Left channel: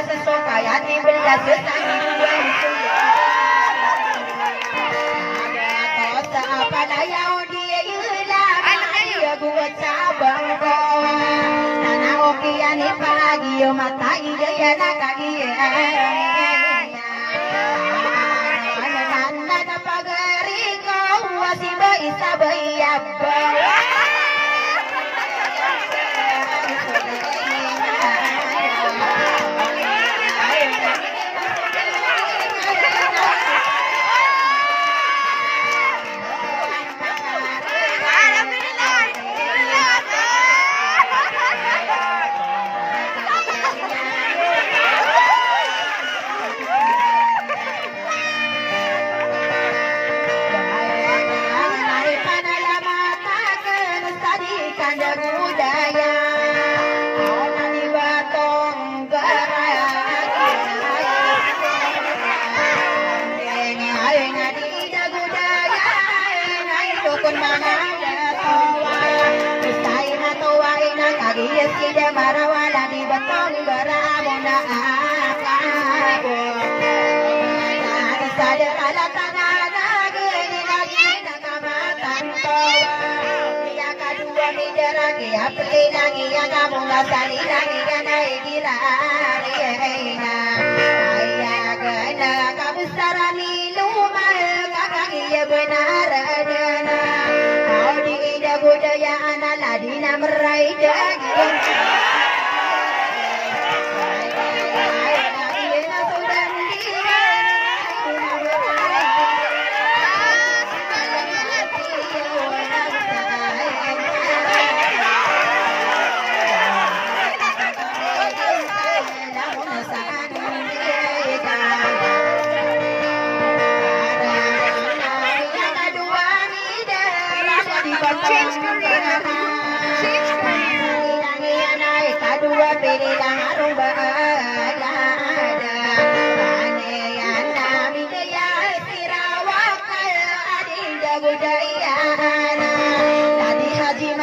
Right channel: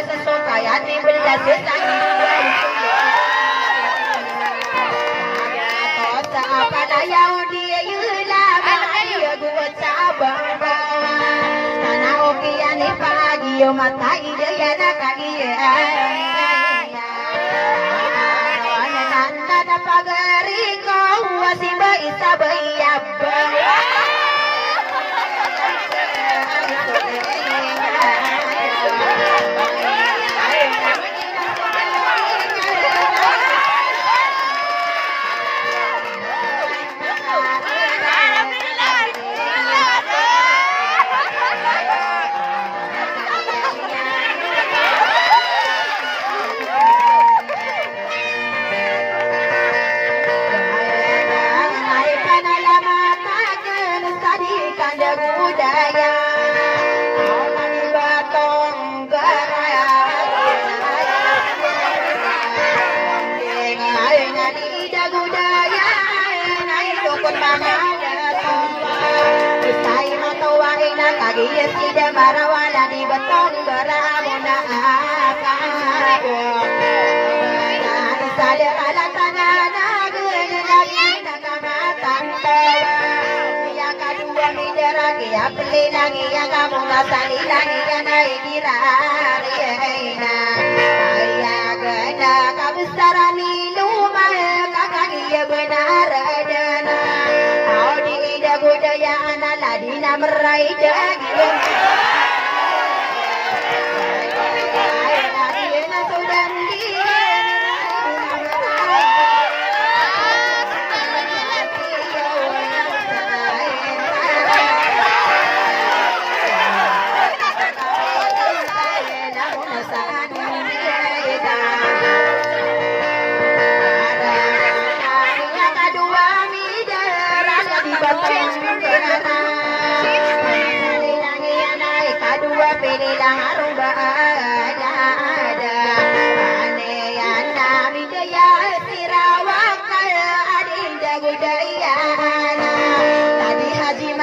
sesokaya dibelah sesangi dua Tosa apa layau dia yulah dia gua cabang bawa Nana okiani pagi yo mata ide ya nakagi Nana pagari kau wasiba isa bayabba Yes, tidak marawala di betong beramuna akabu. Sadar ala tanah negeri lagi nakamatan tawa. Yang kedua mideragi apli lagi yang kamu ngasali lagi yang naik dirari ena. Ayah gena kamu sarani lumah kakak iya benar adana. Budaya anak ladina meraih daging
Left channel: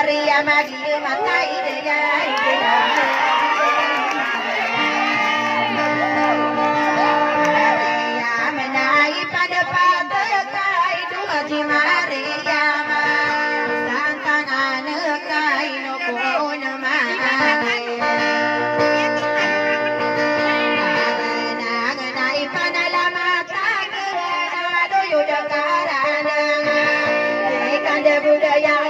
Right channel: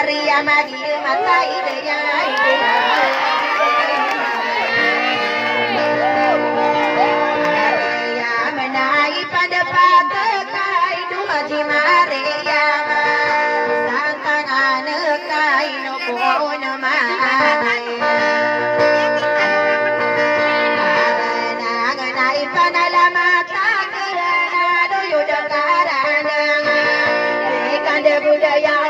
Maria Magia mata idenya Maria menaik pada patakai dua Haji Maria santang anak kaino pohon mahai naik panalamata kerana doyo karana ikan budaya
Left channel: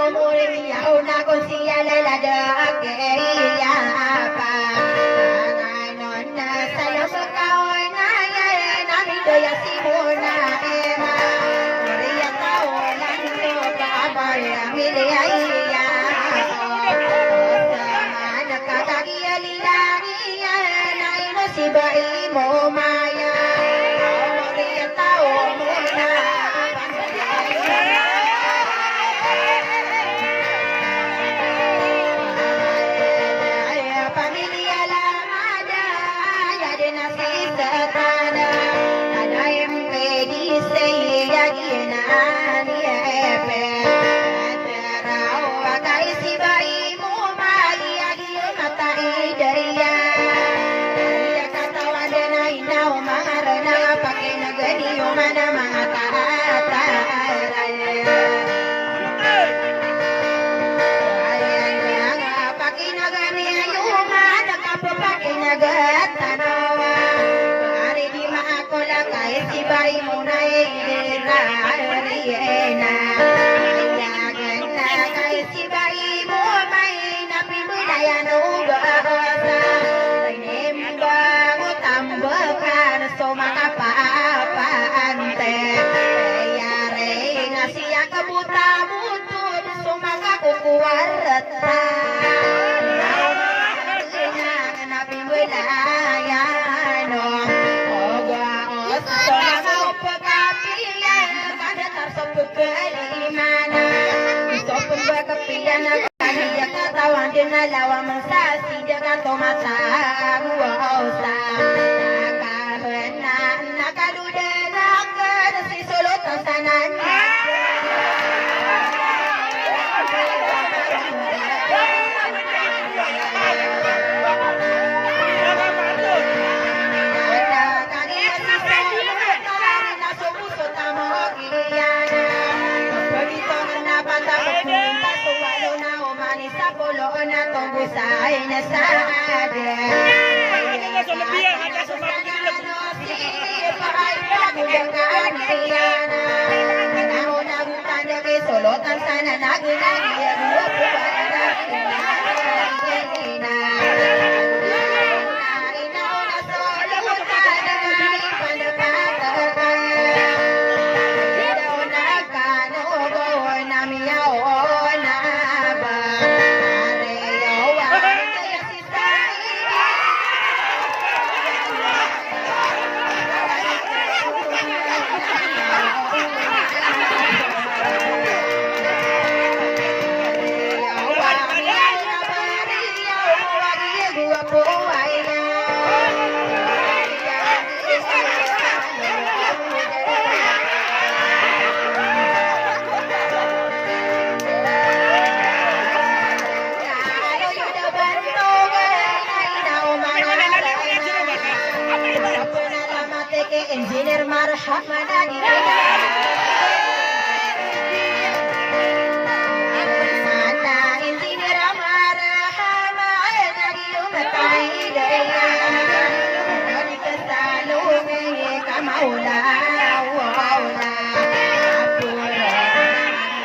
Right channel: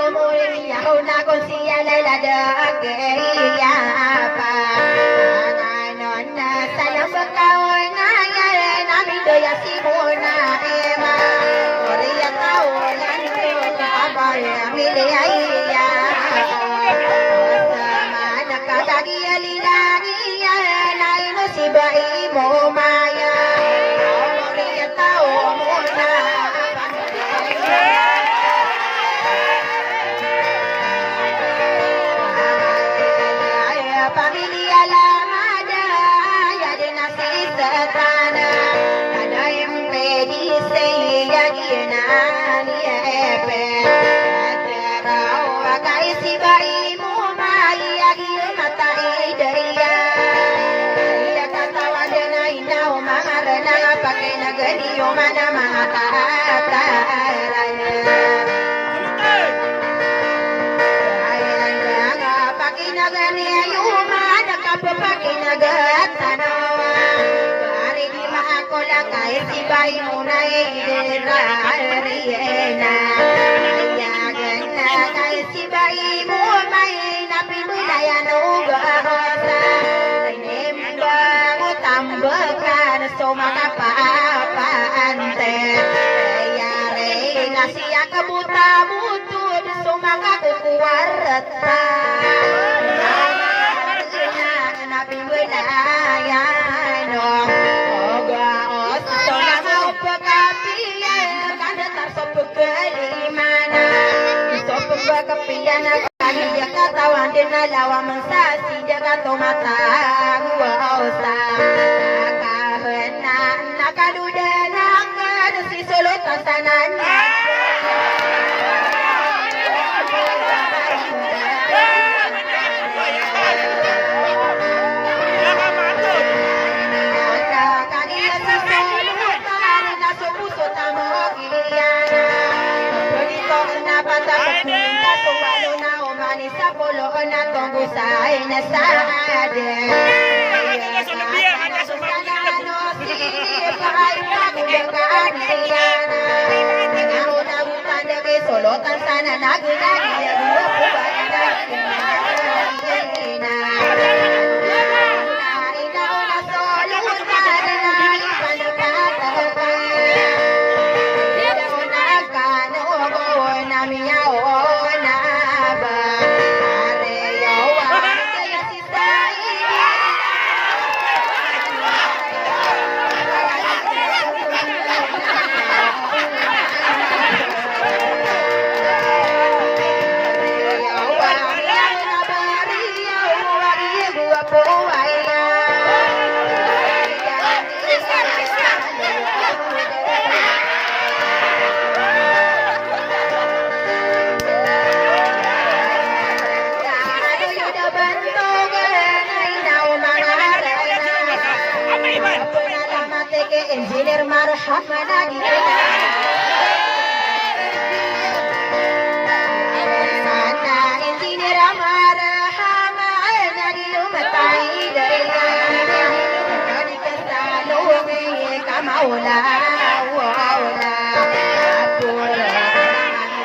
lawa mensasi jaga tomata guausa kahena nakaduda nakad si solo tasanan Solotan sana nagi-nagi ya gua pubaran engineer marhab managi mana engineer marhab managi umatai daya dari kesalumi kamaula waula apura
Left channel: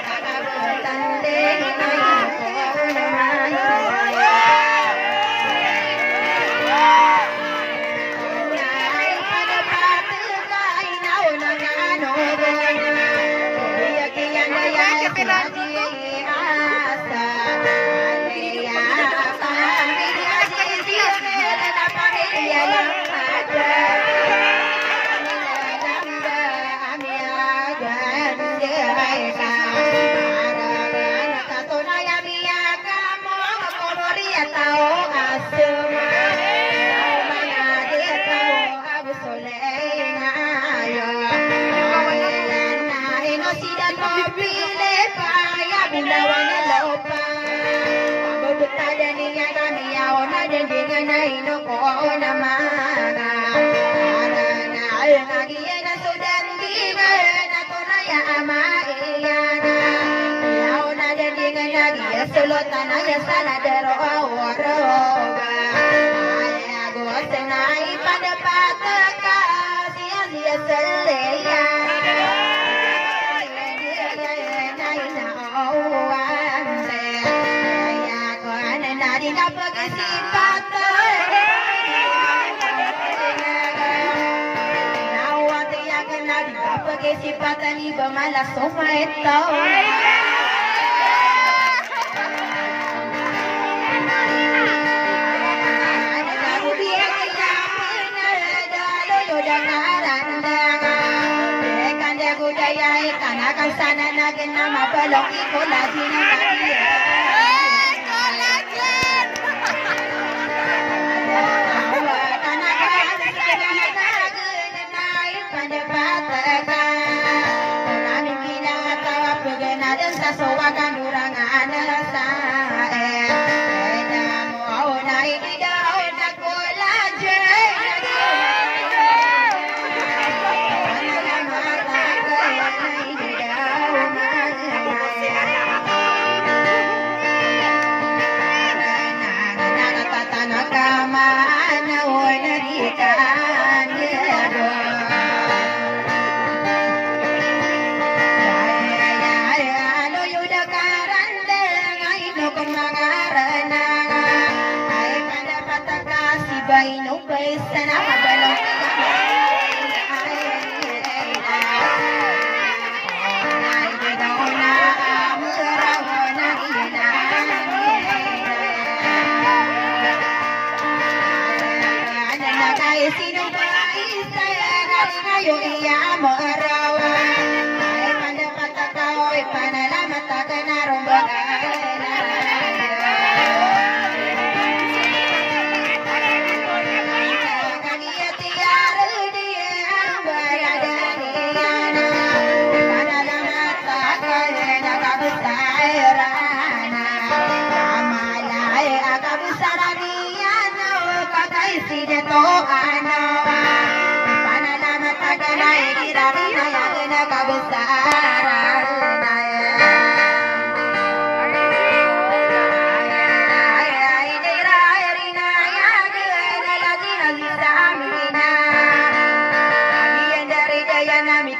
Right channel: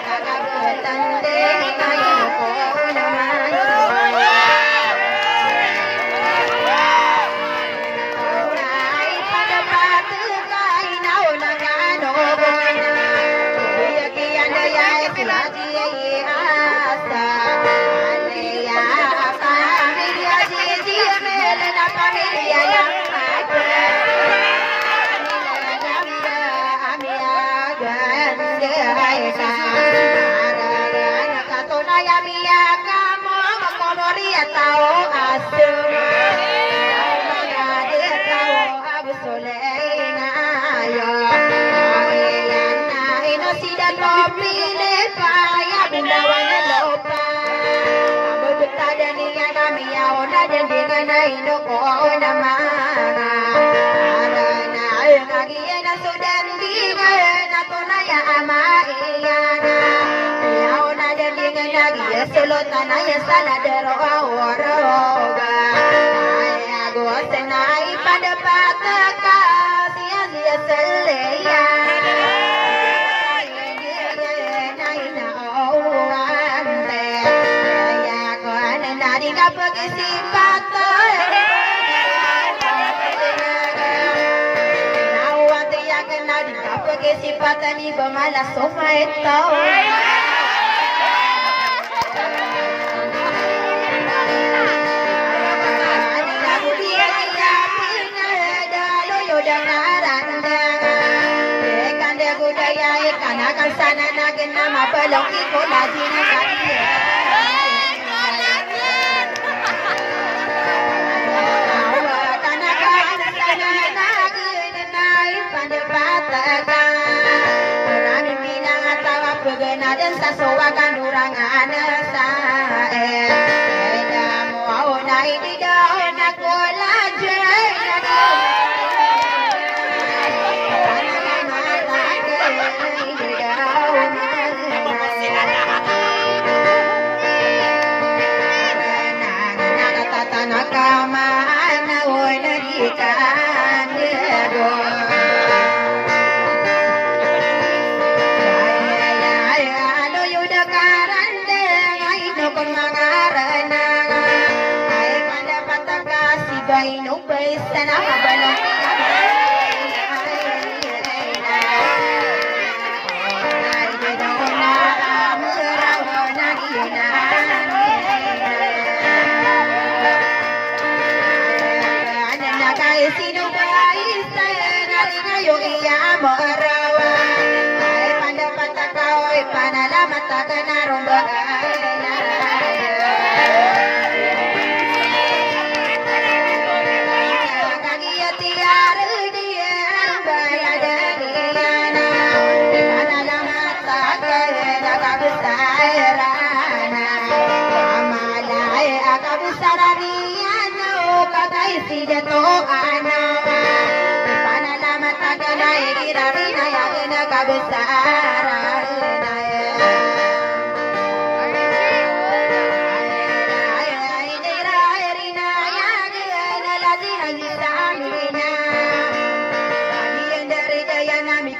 kakabetande nayu ko Solo tanaya sana dero aworoga Aya gua senai pada pataka sia-sia seleya Naina awande Ya gua nari kapag sipata Nawati yang nari kapag sipata ni bamalas somaito sana nagin na mabalong ikolaji na kaya Kanakan sana nagin na ipanapataka Maraming pinangatawa paganadan sa sawagan urangan sa Eda mo na hindi daw na kolaji sana mabalong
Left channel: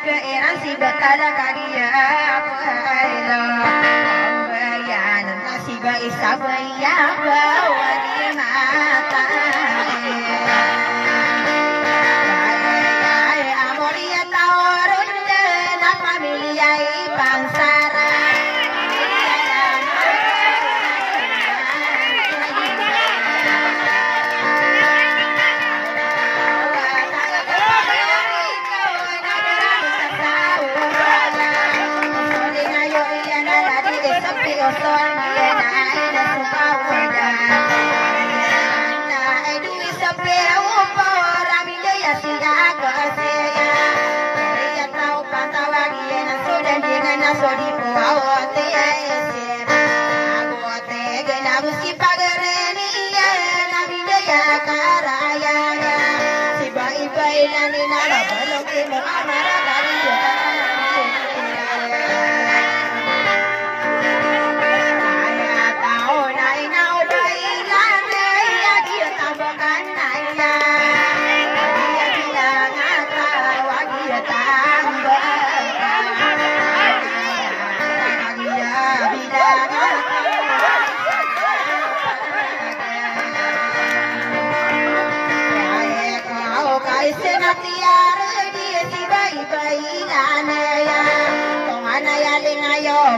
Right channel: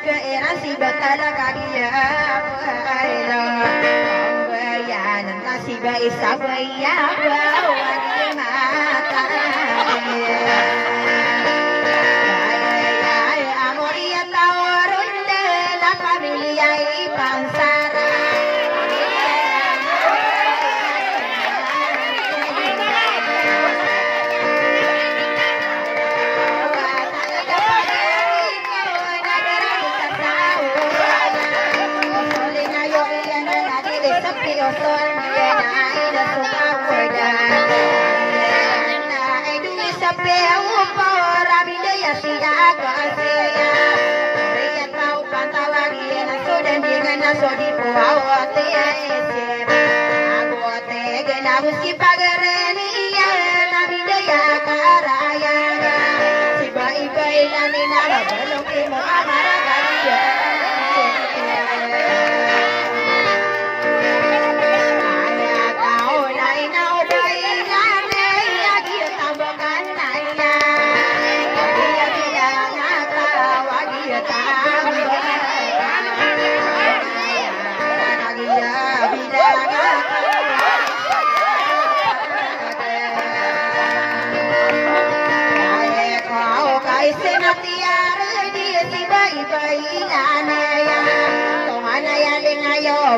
ke eran si betara kagia pailo bayan nasi bai sabaya bawa di mata amoria taurun na familia pansara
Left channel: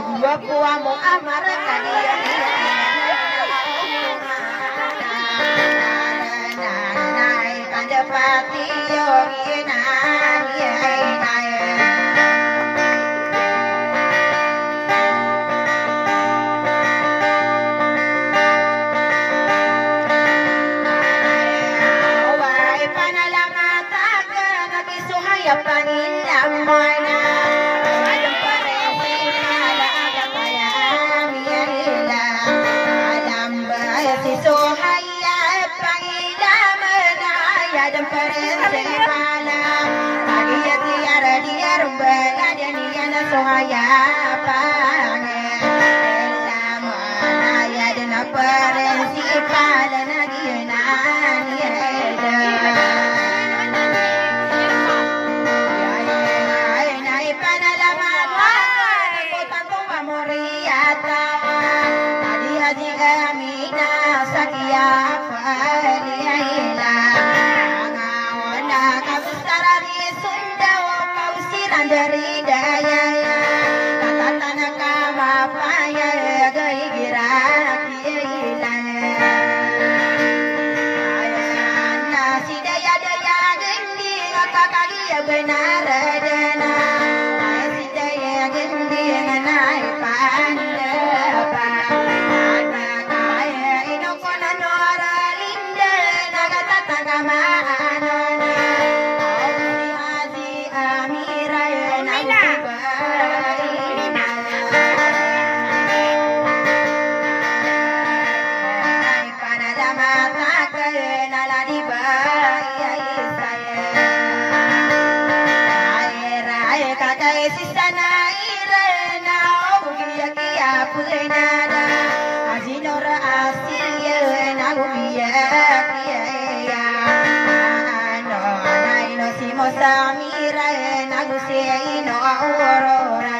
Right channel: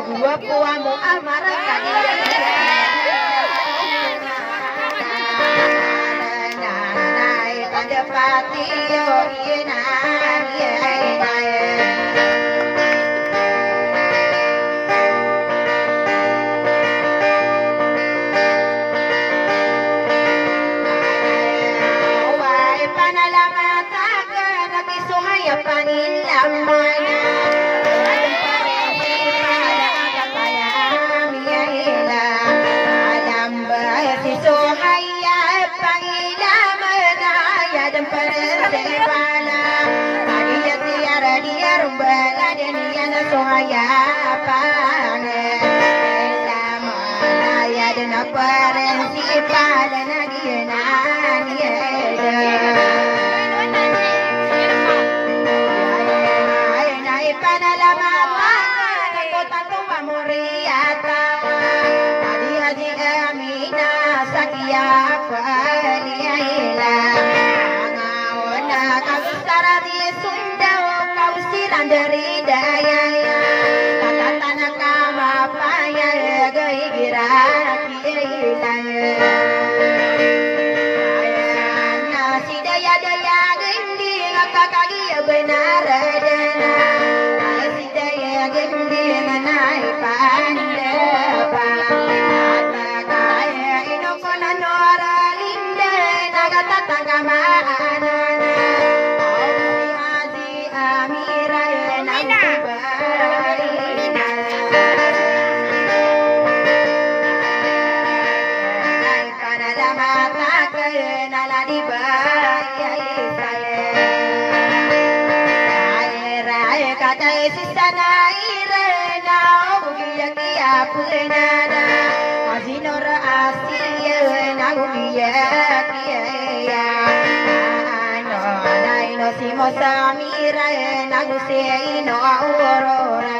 gua puamu amar kadia nai pandapati yo ina dari daya tata tanah kama paya gai girak hilang nasi daya daya gendi apa kaki benar dana nasi daya gendi nanai pandapa kata kaya ino kona nora linda naga tata kama Samira nagu sei no aurora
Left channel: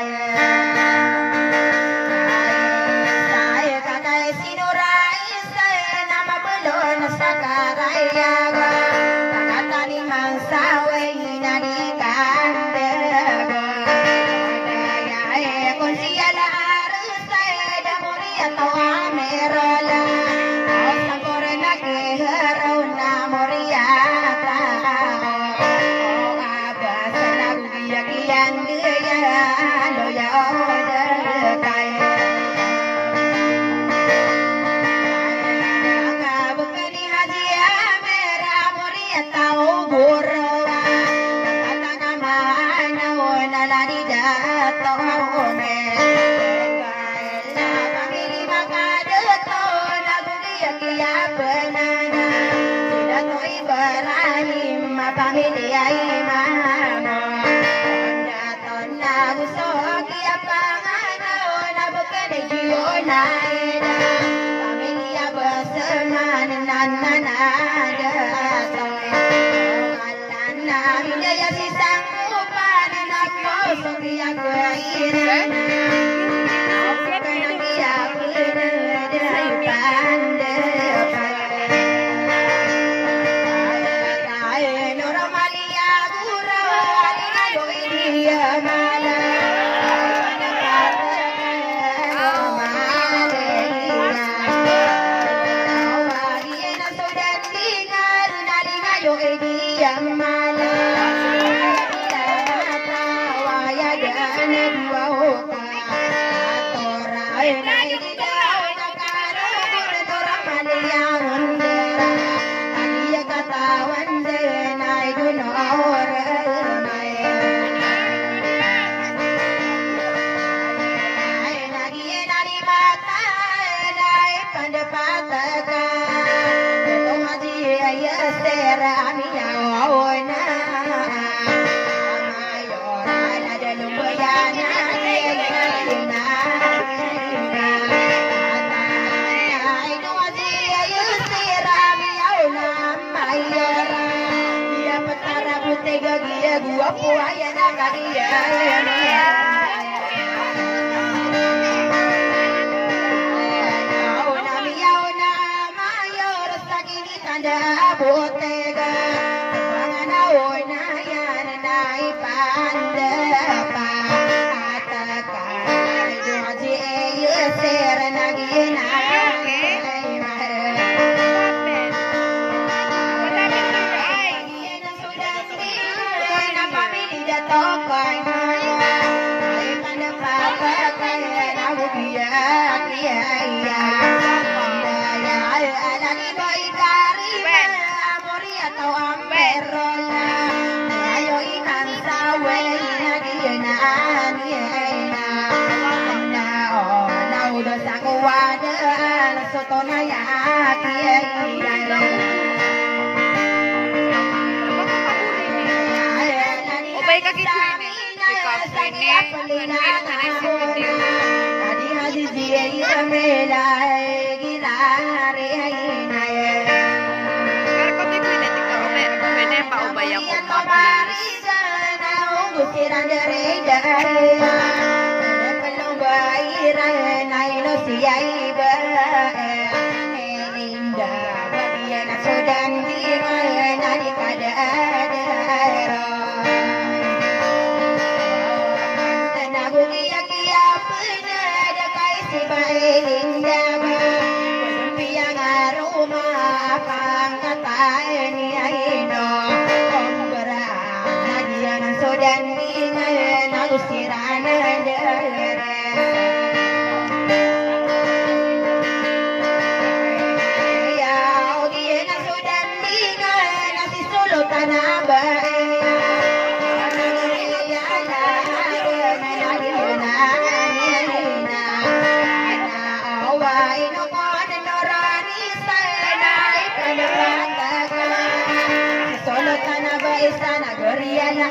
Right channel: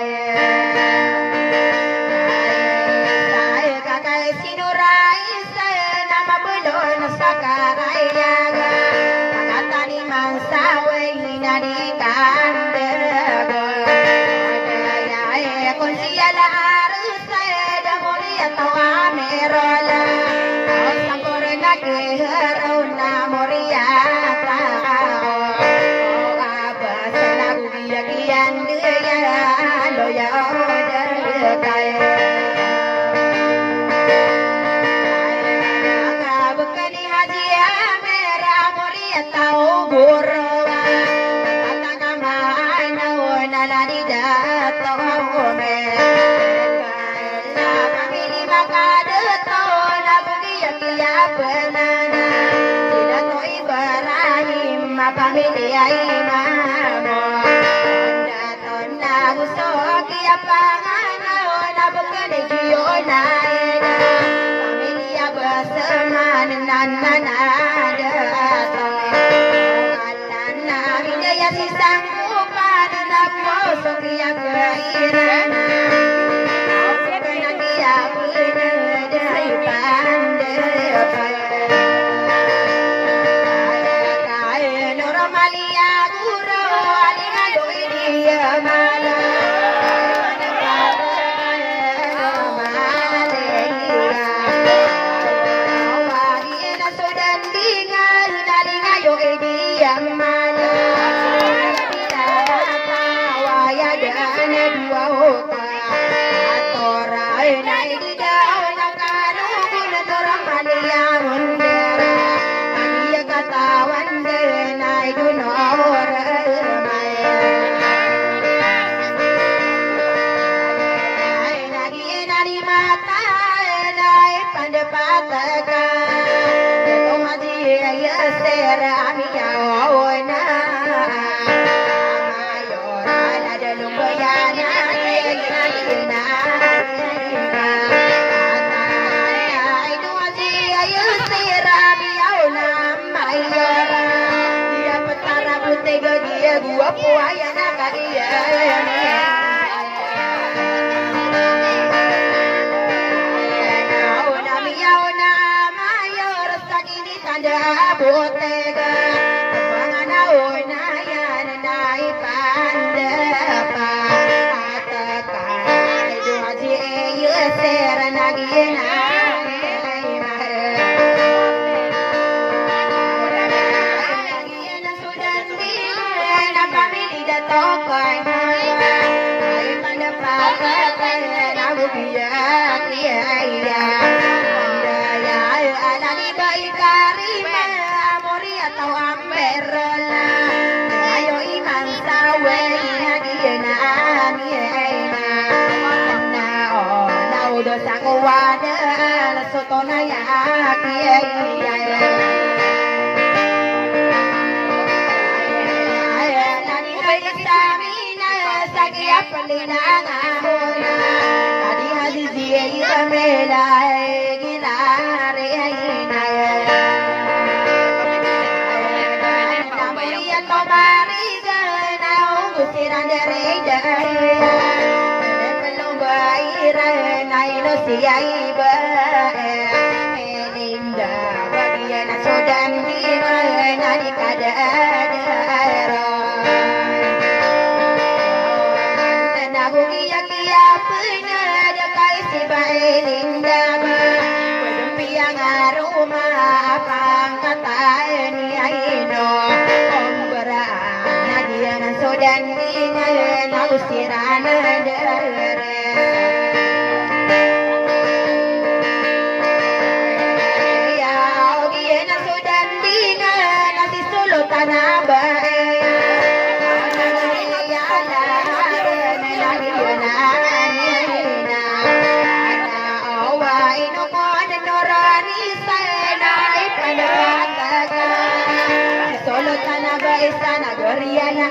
saya kakak sinurai saya nama belon sakaraya kakak tani mangsawe nadi kandego ya konsiala harus saya damori atau amerola sangkorna ke haruna moria pamilya imamo daton na gusto kaya pangano na bukani giona pamilya bersama nananada alan na hidaya si sanggupan na sokia keirana aku kena dia bener dari pandai kaya normalia guru alina doi dia mana gua puaya nak dia nauna mayor sakini tanda botega bangana ona yan nai pandapa ataka doji ser nagina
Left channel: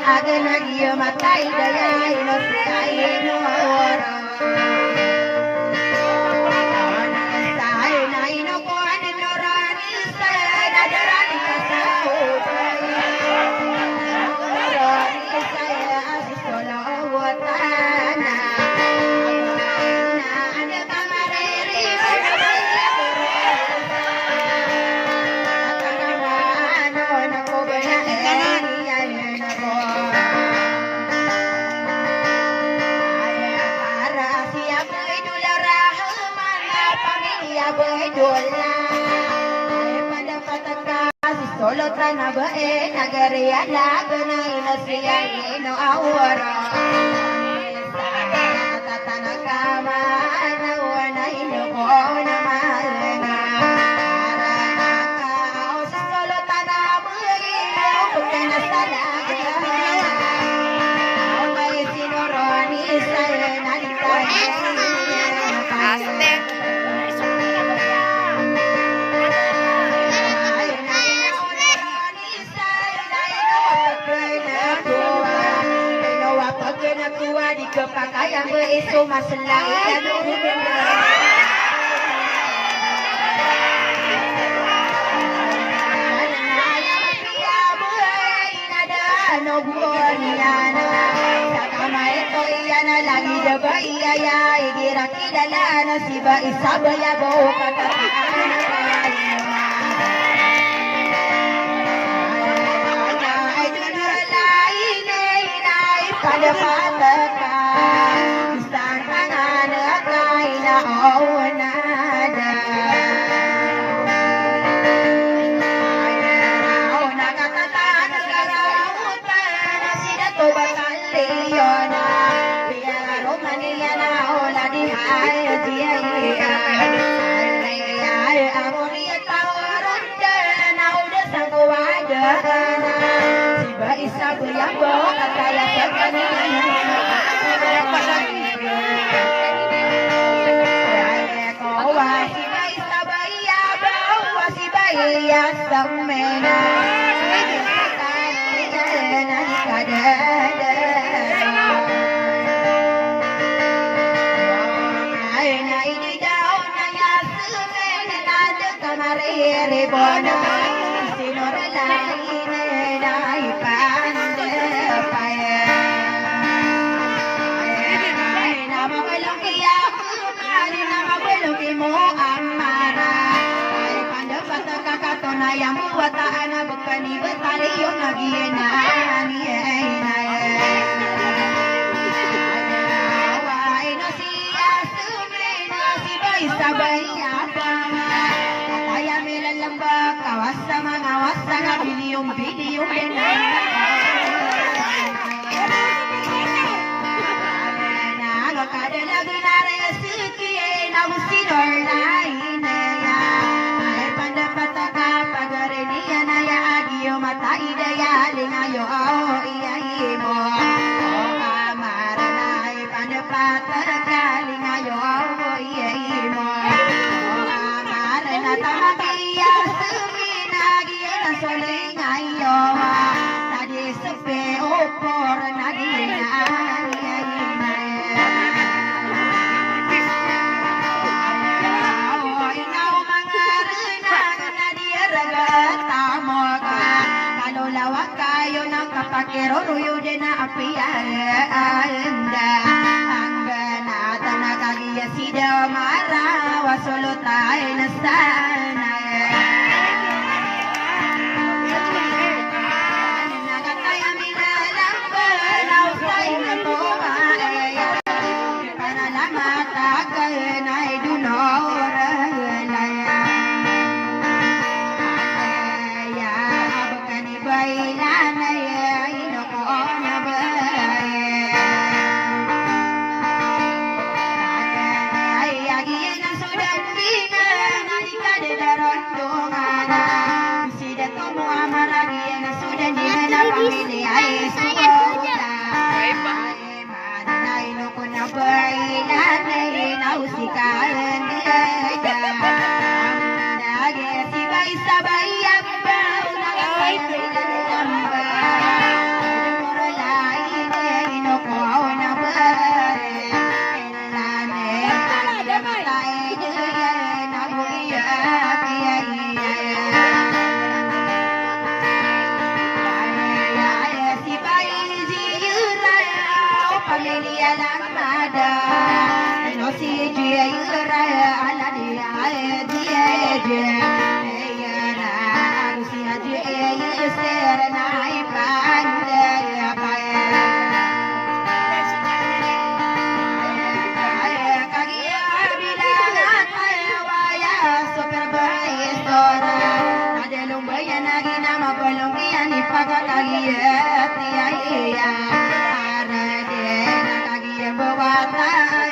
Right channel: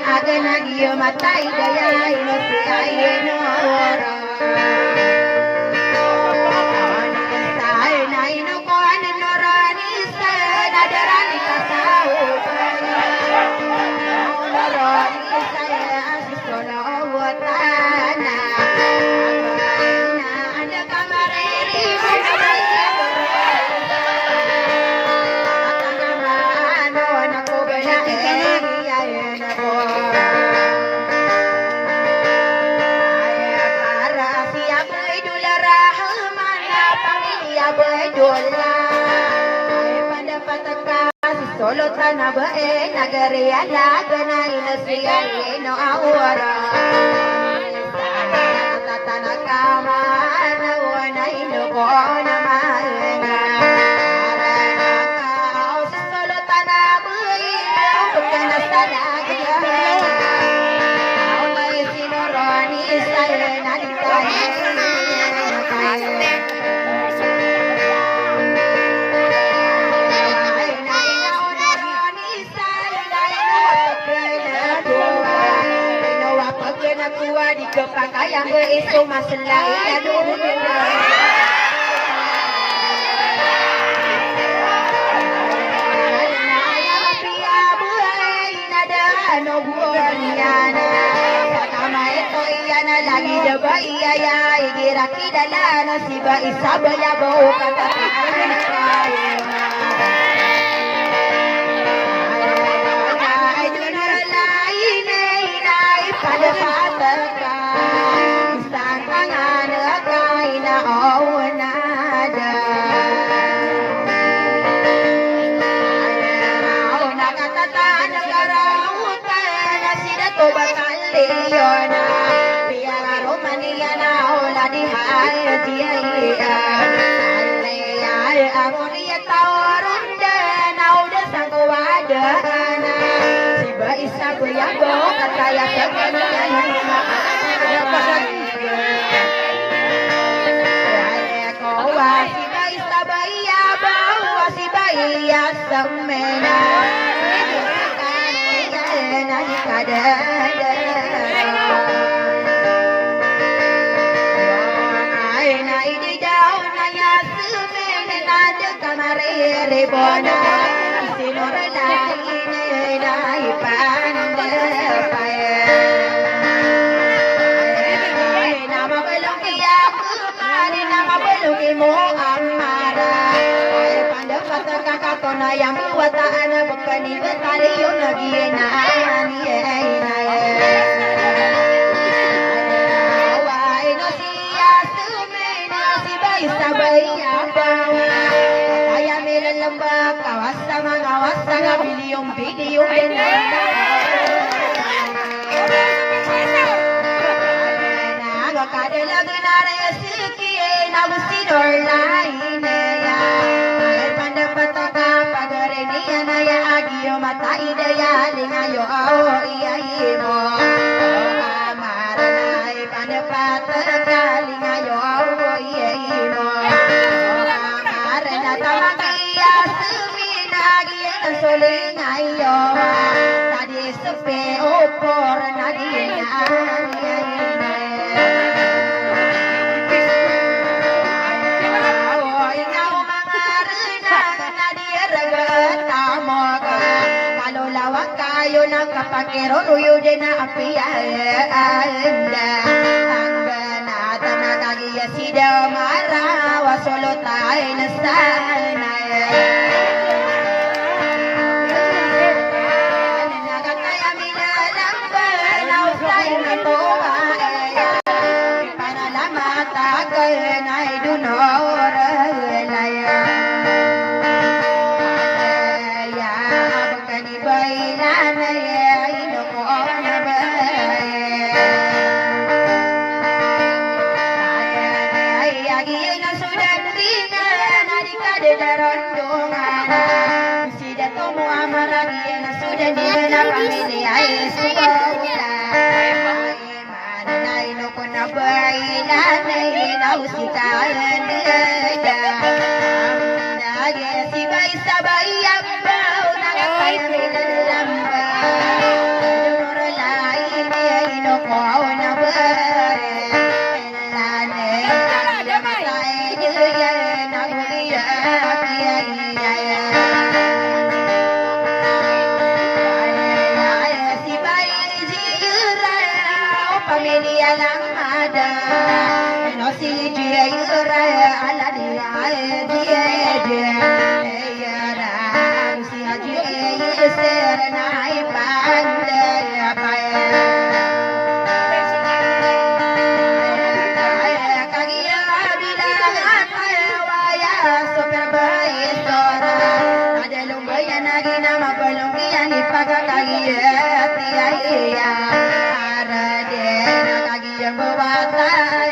agena dia matai daya ino sai no ora sai na ino ko an no rani sai na darani kasau no rani sai asiko no watana ada kamareri solo tanah bae nagari ala ganai nasiya no awara tanah kama na wana ino ko na maenga solo tanah bae bukan salaga ay sinoroni saya nalitai di kepakaian berisu masalah aduh ayah bapia buai nada no buoniana Sakama ito iyana lagi jaba iya ya Igira kidala no siba isaba ya bau katataan kaya pada patakan Santangan kaina awanada Auna katatan karautan Sida to bakaliona Piala Romania na ola di hadia Ay amonia tawarunda Na udah sangko wadana Siba isa buyabo kataya sebenarnya Siba isa bayabo Siba iya semena Kaninya kadada Aina idi daun nanya semena Nada kamari ribona Sinor lain Dai pande paya Nama belum kia kumari Nama belum imu amara Pande pata kakatona yang buat anak Bukani betari yung nagiena Niena Wai nasiya sumena Siba isabay abang Kaya milan lambak Kawasa mga wasa nga bilyong video Kada lagi nare suki na usinor lain ya ay pandapat ka pagare niya na ya agyo mata idaya lingayo ao iyahimo amara na ay pandapat ka lingayo ao iyahimo amara na tamagiya suminagi na solingayo tadi sepe opor na diya kayo nakapakero nuyo din na apianda Hangga na kagiya sida mara wasolo tayo na sana Nakataya minalang balaw tayo na toa Panalamata kayo na idunora Pamilya lang ada, no si dia yura ala dia dia yara si aje ser nai pande apaya kagia bilangan waya super baik sora ada lumbayan lagi nama pelungkian ipaga kagia tiaya Bawata